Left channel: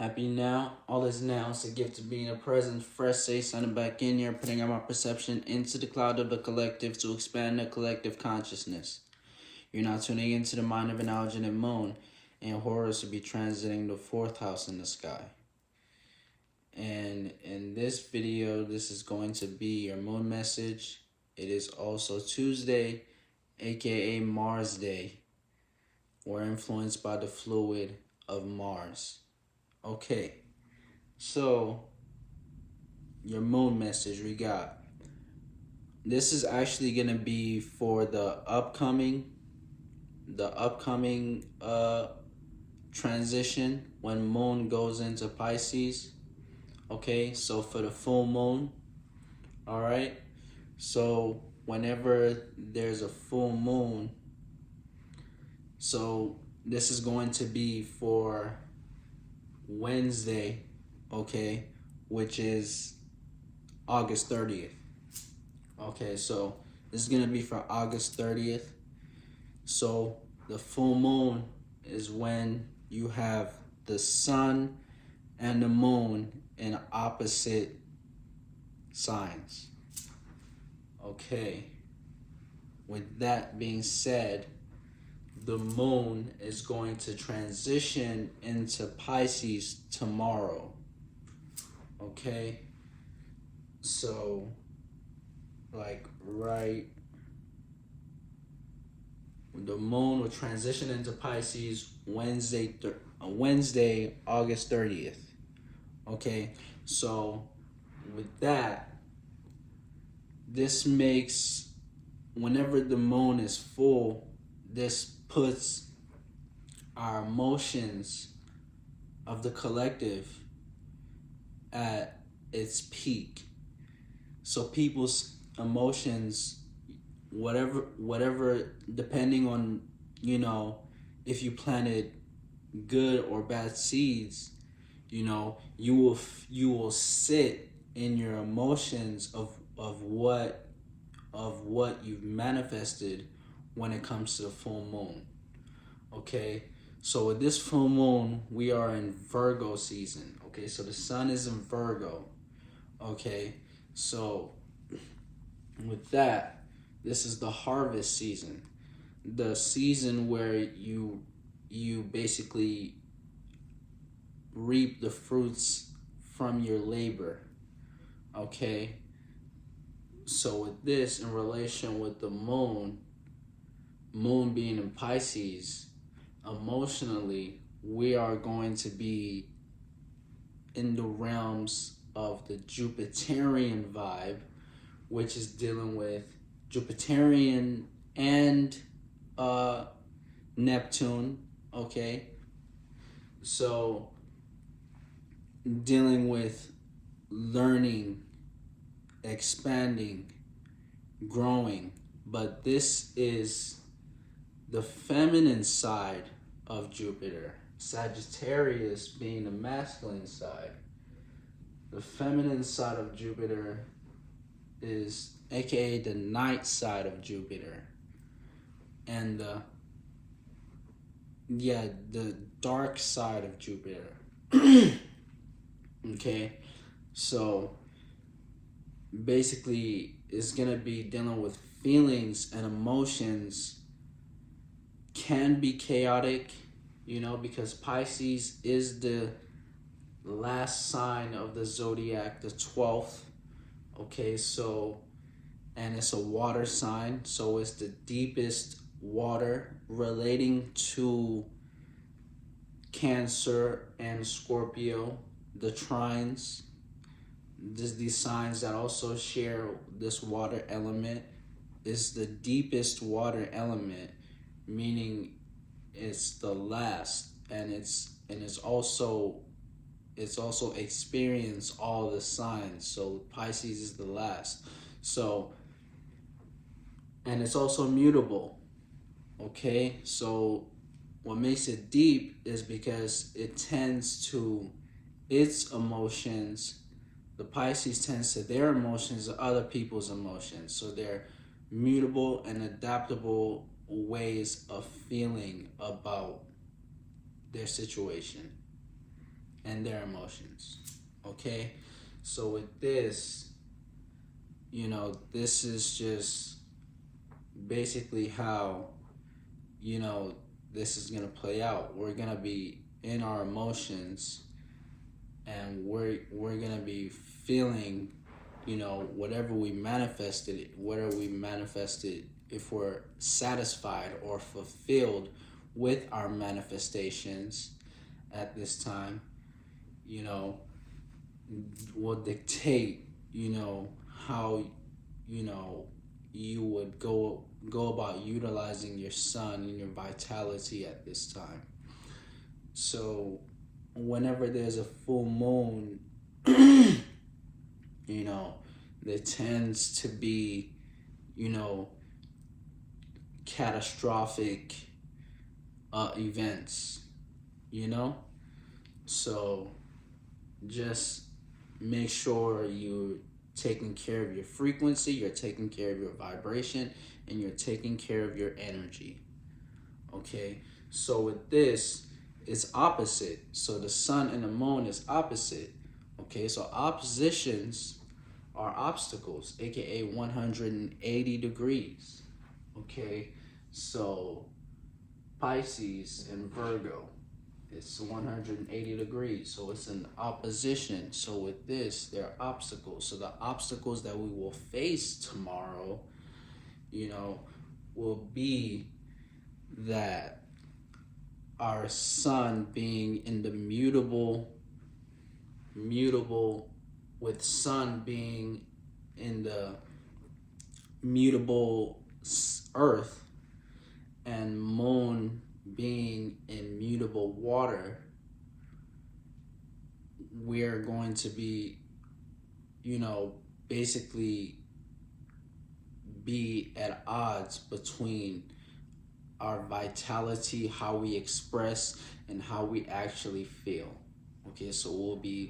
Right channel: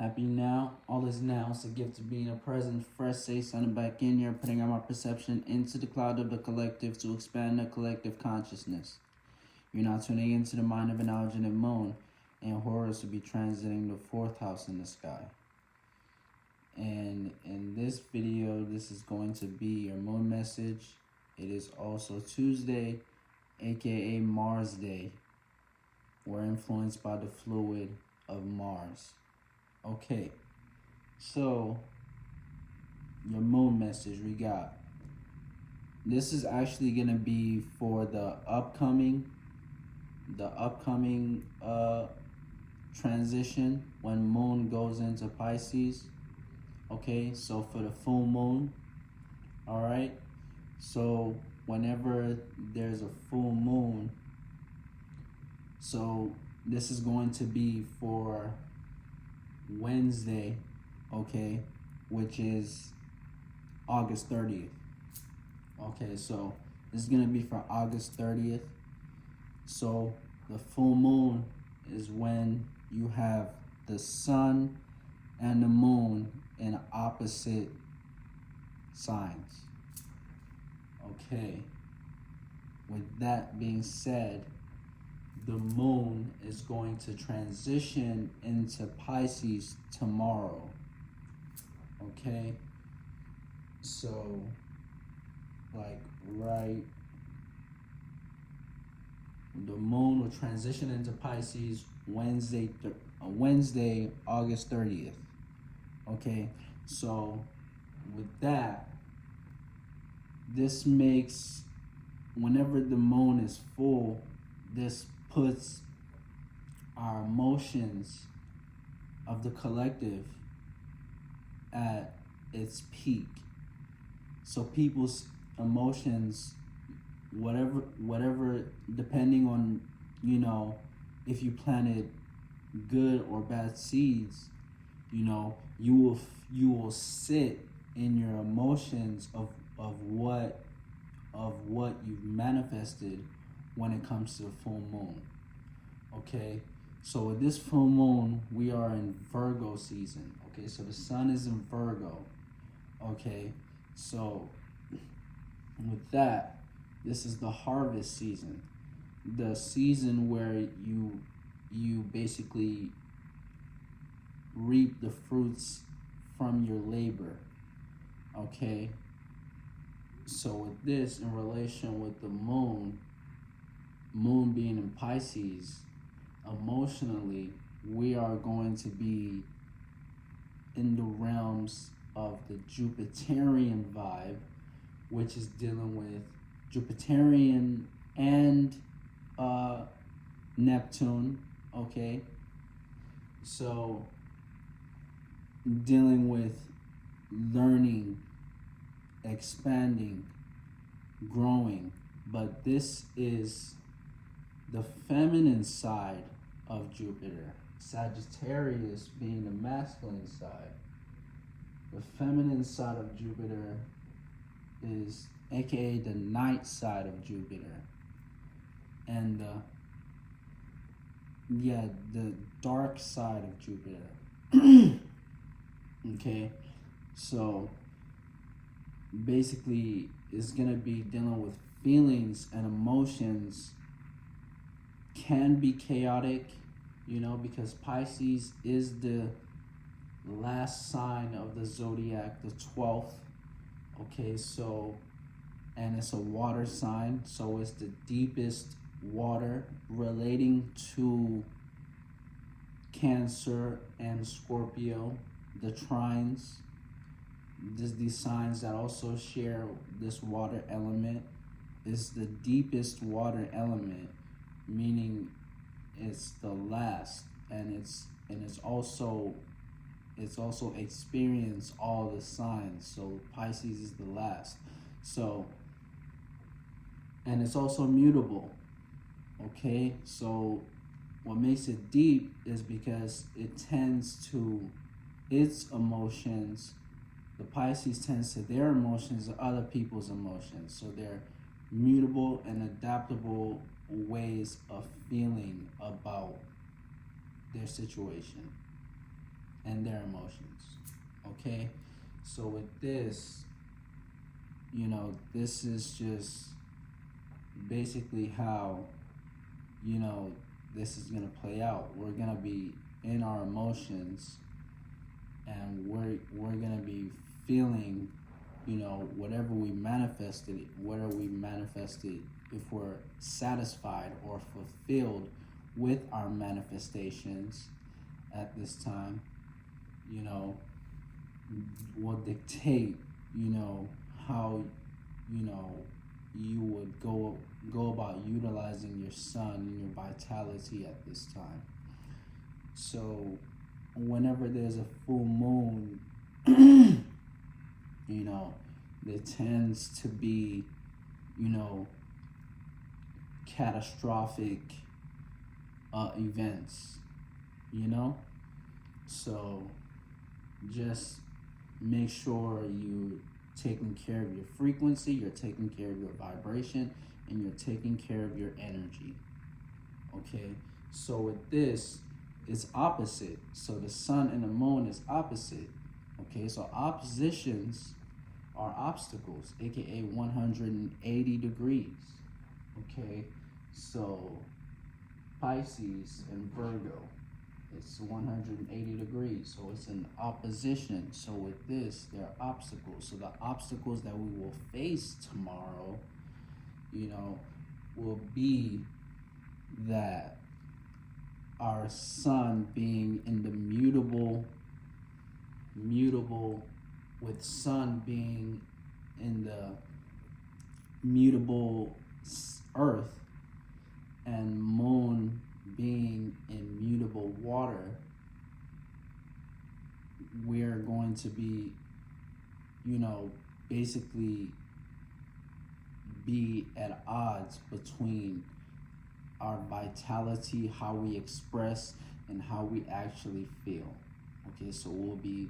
Happy now. All is now. It's a gift of being a present. Fresh say, signing back in here, putting out my perception into the cloud of the collective to expand the collective consciousness. You're now tuning into the mind of an alginate moon, and Horus will be transiting the fourth house in the sky. And in this video, this is going to be your moon message. It is also Tuesday, aka Mars Day. We're influenced by the fluid of Mars. Okay, so your moon message we got. This is actually gonna be for the upcoming transition when moon goes into Pisces. Okay, so for the full moon, all right. So whenever there's a full moon, so this is going to be for Wednesday, okay, which is August 30th. Okay, so this is gonna be for August 30th. So the full moon is when you have the sun and the moon in opposite signs. Okay, with that being said, the moon is going to transition into Pisces tomorrow. Okay, so like the moon will transition into Pisces Wednesday, August 30th. Okay, so with that, this makes, whenever the moon is full, this puts our emotions of the collective at its peak. So people's emotions, whatever, depending on, if you planted good or bad seeds, you will sit in your emotions of what you've manifested when it comes to the full moon. Okay, so with this full moon, we are in Virgo season. Okay, so the sun is in Virgo. Okay, so with that, this is the harvest season, the season where you basically reap the fruits from your labor. Okay, so with this, in relation with the moon being in Pisces, emotionally we are going to be in the realms of the Jupiterian vibe, which is dealing with Jupiterian and Neptune. Okay, so dealing with learning, expanding, growing, but this is the feminine side of Jupiter. Sagittarius being the masculine side. The feminine side of Jupiter is aka the night side of Jupiter. And the dark side of Jupiter. Okay, so basically it's gonna be dealing with feelings and emotions. Can be chaotic, because Pisces is the last sign of the zodiac, the 12th. Okay, so, and it's a water sign, so it's the deepest water, relating to Cancer and Scorpio, the trines. These signs that also share this water element is the deepest water element, meaning it's the last, and it's also experienced all the signs. So Pisces is the last. So, and it's also mutable. Okay, so what makes it deep is because it tends to its emotions. The Pisces tends to their emotions to other people's emotions. So they're mutable and adaptable ways of feeling about their situation. and their emotions. Okay, so with this, this is just basically how this is gonna play out. We're gonna be in our emotions, and we're gonna be feeling, whatever we manifested, if we're satisfied or fulfilled with our manifestations at this time, will dictate, how, you would go about utilizing your sun and your vitality at this time. So whenever there's a full moon, there tends to be, catastrophic events, so just make sure you're taking care of your frequency, you're taking care of your vibration, and you're taking care of your energy. Okay, so with this, it's opposite. So the sun and the moon is opposite. Okay, so oppositions are obstacles, aka 180 degrees. Okay, so Pisces and Virgo, it's 180 degrees, so it's an opposition. So with this, there are obstacles. So the obstacles that we will face tomorrow, will be that our sun being in the mutable, with sun being in the mutable earth, and moon being in mutable water, we're going to be, basically be at odds between our vitality, how we express, and how we actually feel. Okay, so we'll be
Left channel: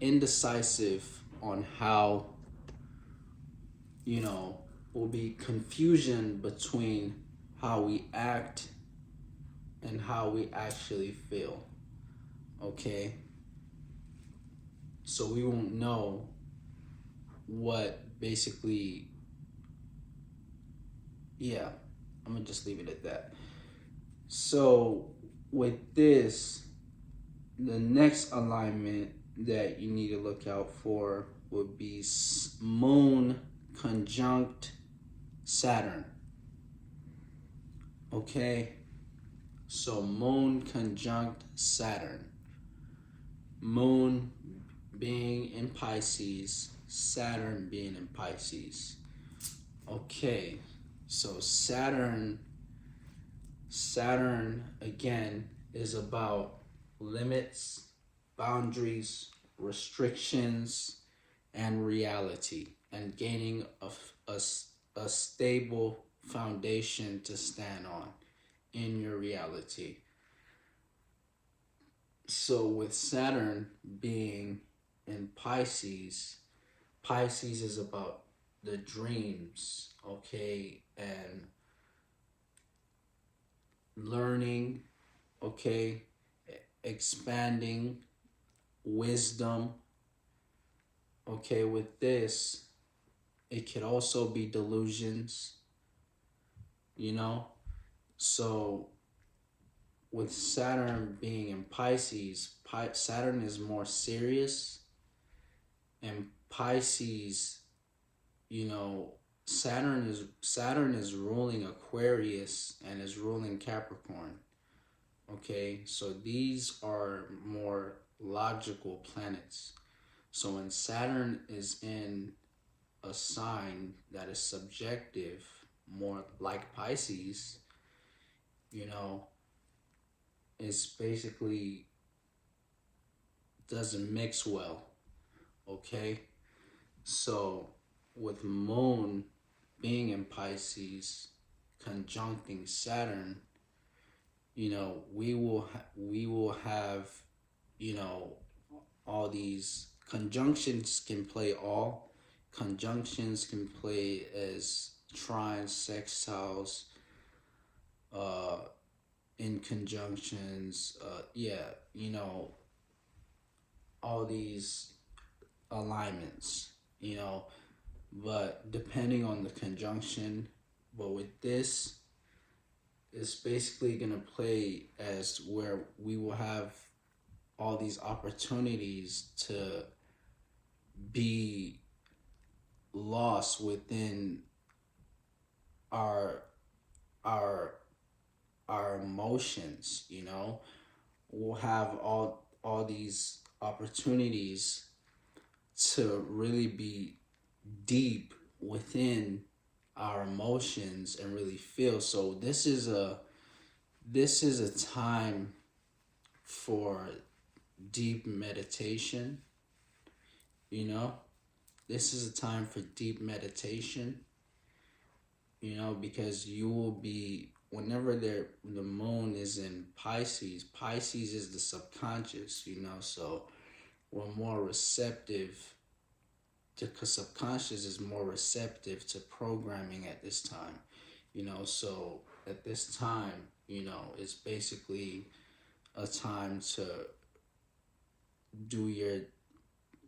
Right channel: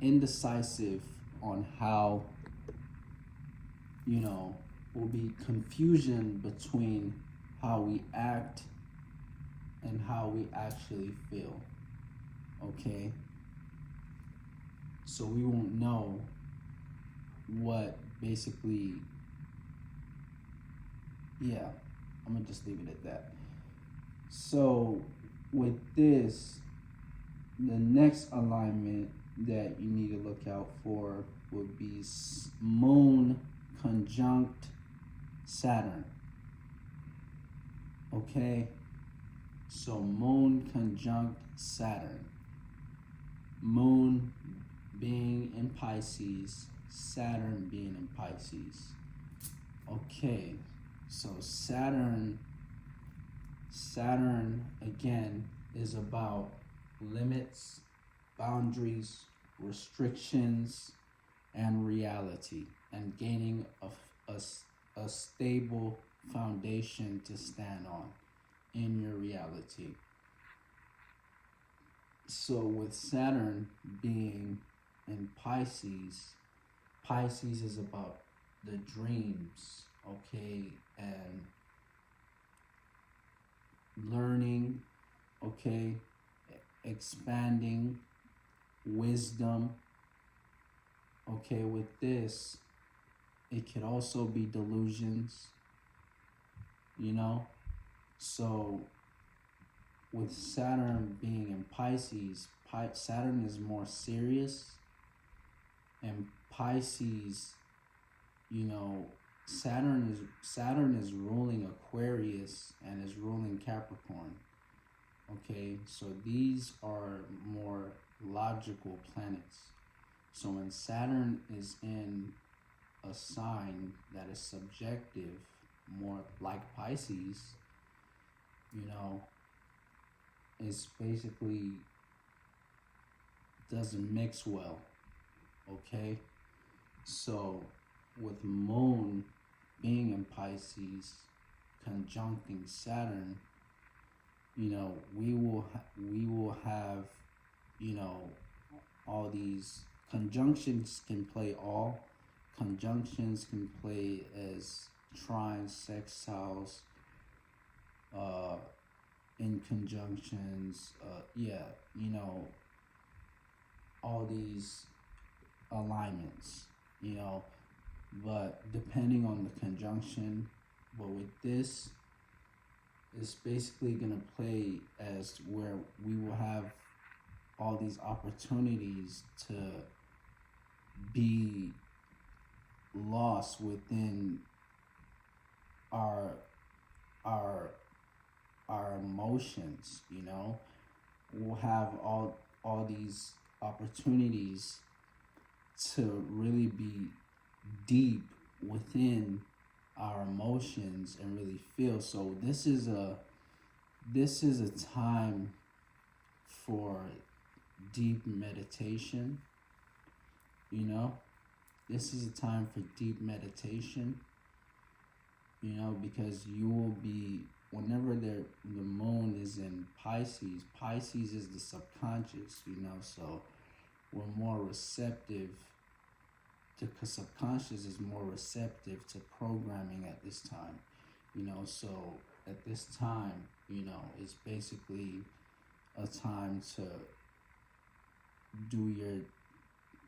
indecisive on how, will be confusion between how we act and how we actually feel. Okay, so we won't know what basically, I'm gonna just leave it at that. So with this, the next alignment that you need to look out for would be moon conjunct Saturn. Okay, so moon conjunct Saturn. Moon being in Pisces, Saturn being in Pisces. Okay, so Saturn again is about limits, boundaries, restrictions, and reality, and gaining a stable foundation to stand on in your reality. So with Saturn being in Pisces, Pisces is about the dreams, okay, and learning, okay, expanding, wisdom. Okay, with this, it could also be delusions, so with Saturn being in Pisces, Saturn is more serious, and Pisces, Saturn is ruling Aquarius and is ruling Capricorn. Okay, so these are more logical planets. So when Saturn is in a sign that is subjective, more like Pisces, it's basically doesn't mix well. Okay, so with moon being in Pisces conjuncting Saturn, we will have, all these conjunctions can play all. Conjunctions can play as trines, sextiles, in conjunctions, all these alignments, but depending on the conjunction, but with this, it's basically going to play as where we will have all these opportunities to be lost within our our emotions. We'll have all these opportunities to really be deep within our emotions and really feel. So this is a time for deep meditation. This is a time for deep meditation, because you will be, whenever the moon is in Pisces is the subconscious, so we're more receptive because subconscious is more receptive to programming at this time, so at this time, it's basically a time to do your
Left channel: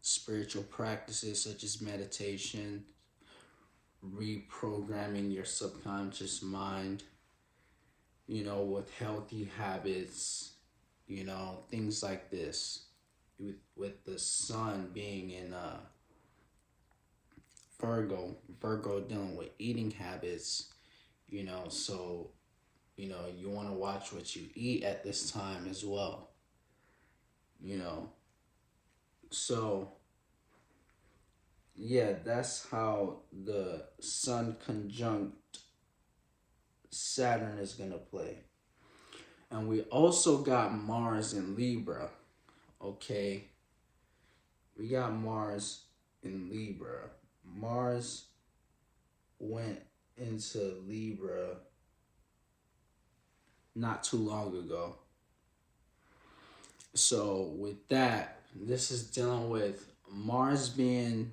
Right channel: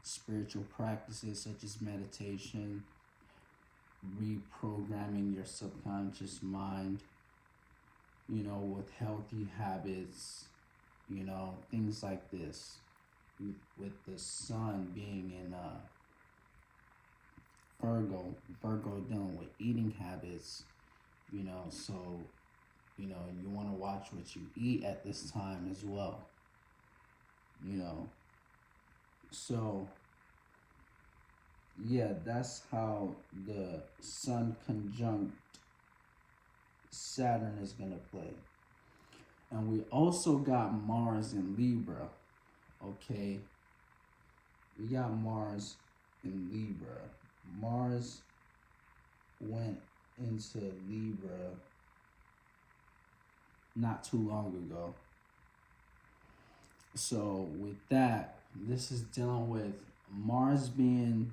spiritual practices such as meditation, reprogramming your subconscious mind, with healthy habits, things like this. With the sun being in Virgo dealing with eating habits, so, you want to watch what you eat at this time as well, so, yeah, that's how the sun conjunct Saturn is going to play. And we also got Mars in Libra, okay? We got Mars in Libra. Mars went into Libra not too long ago. So with that, this is dealing with Mars being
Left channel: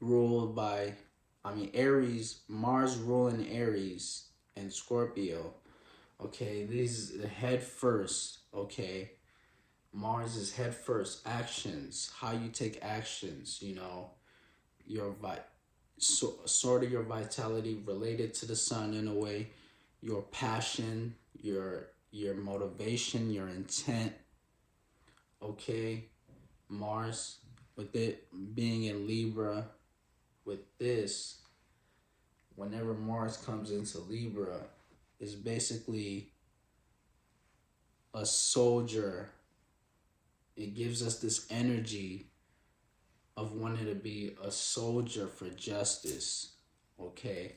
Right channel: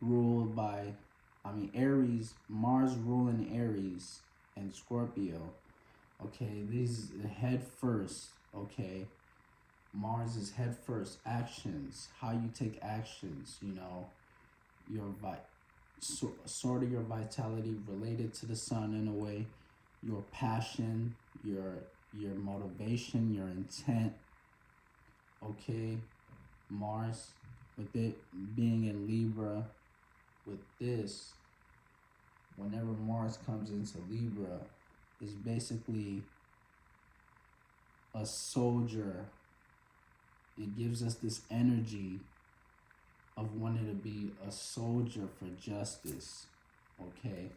ruled by, Aries, Mars ruling Aries and Scorpio. Okay, these the head first, okay? Mars is head first, actions, how you take actions, your sort of your vitality related to the sun in a way, your passion, your motivation, your intent, okay? Mars, with it being in Libra, with this, whenever Mars comes into Libra, is basically a soldier. It gives us this energy of wanting to be a soldier for justice, okay?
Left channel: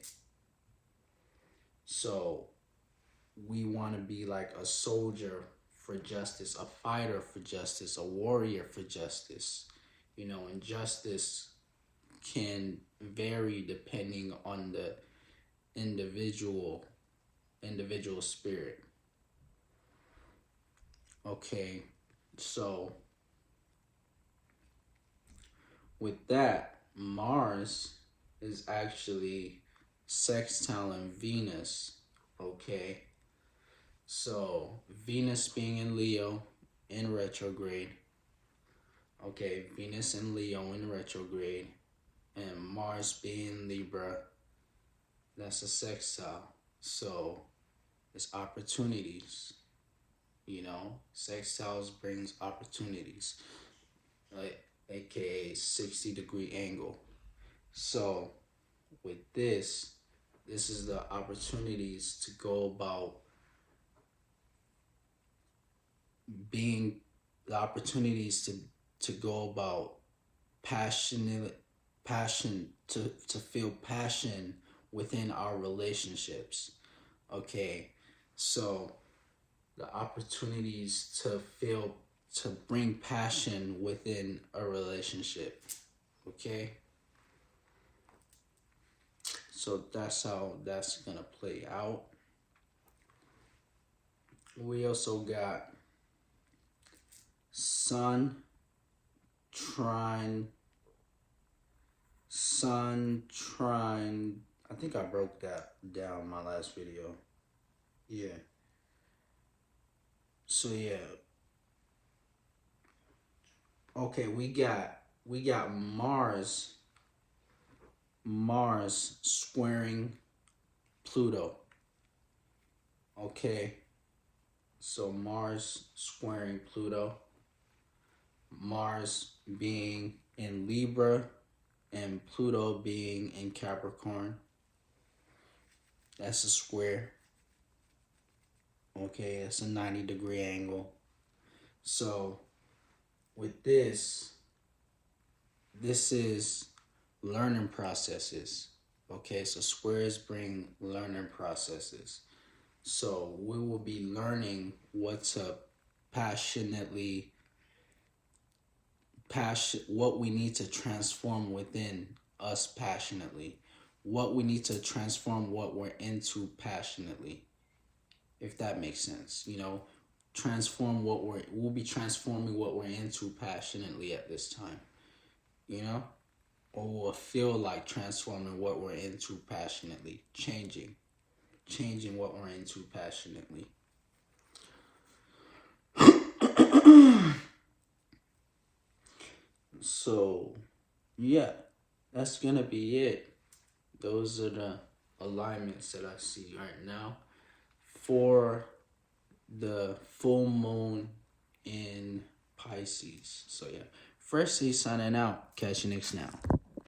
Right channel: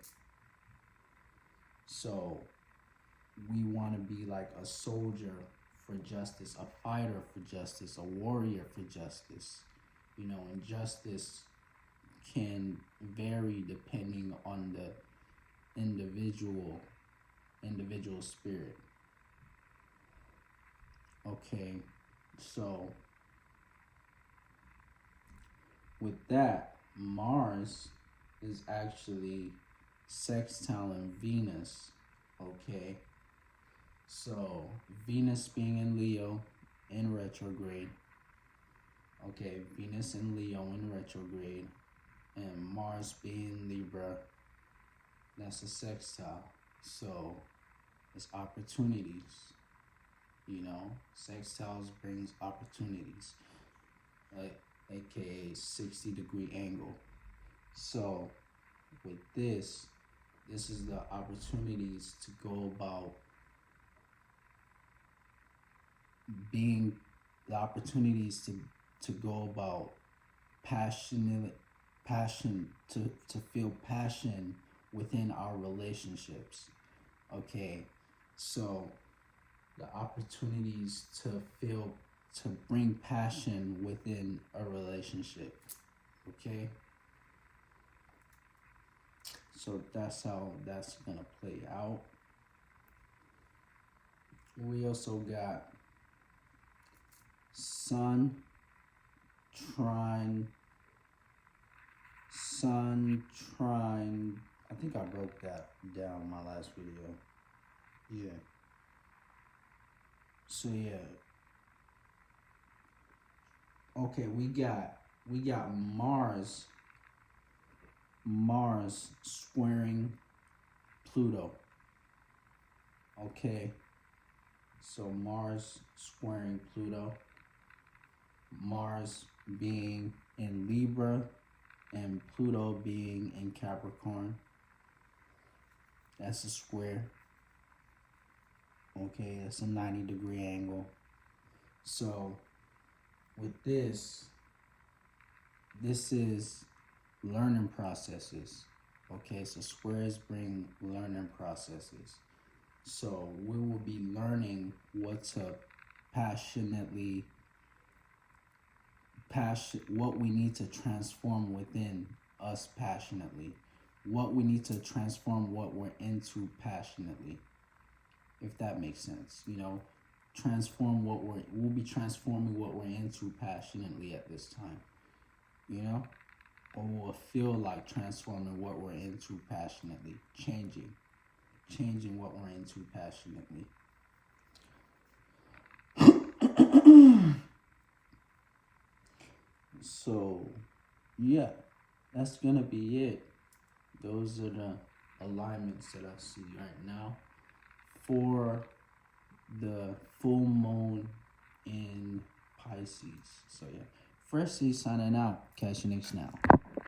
So we want to be like a soldier for justice, a fighter for justice, a warrior for justice, and justice can vary depending on the individual spirit. Okay, so with that, Mars is actually sextiling Venus, okay? So Venus being in Leo in retrograde, okay, Venus in Leo in retrograde, and Mars being Libra, that's a sextile. So it's opportunities, sextiles brings opportunities, like aka 60-degree angle. So with this is the opportunities to go about being, the opportunities to go about passion, to feel passion within our relationships, okay? So the opportunities to bring passion within a relationship, okay? So that's how that's gonna play out. We also got Sun trine, I think I broke that down in my last video. Yeah. So yeah. Okay, we got Mars squaring Pluto. Okay. So Mars squaring Pluto. Mars being in Libra and Pluto being in Capricorn. That's a square. Okay, that's a 90-degree angle. So with this is learning processes. Okay, so squares bring learning processes. So we will be learning what to what we need to transform within us passionately, what we need to transform what we're into passionately, if that makes sense. You know, we'll be transforming what we're into passionately at this time, you know, or we'll feel like transforming what we're into passionately, changing what we're into passionately. So yeah, that's gonna be it. Those are the alignments that I see right now for the full moon in Pisces. So yeah, Firstly signing out. Catch you next now.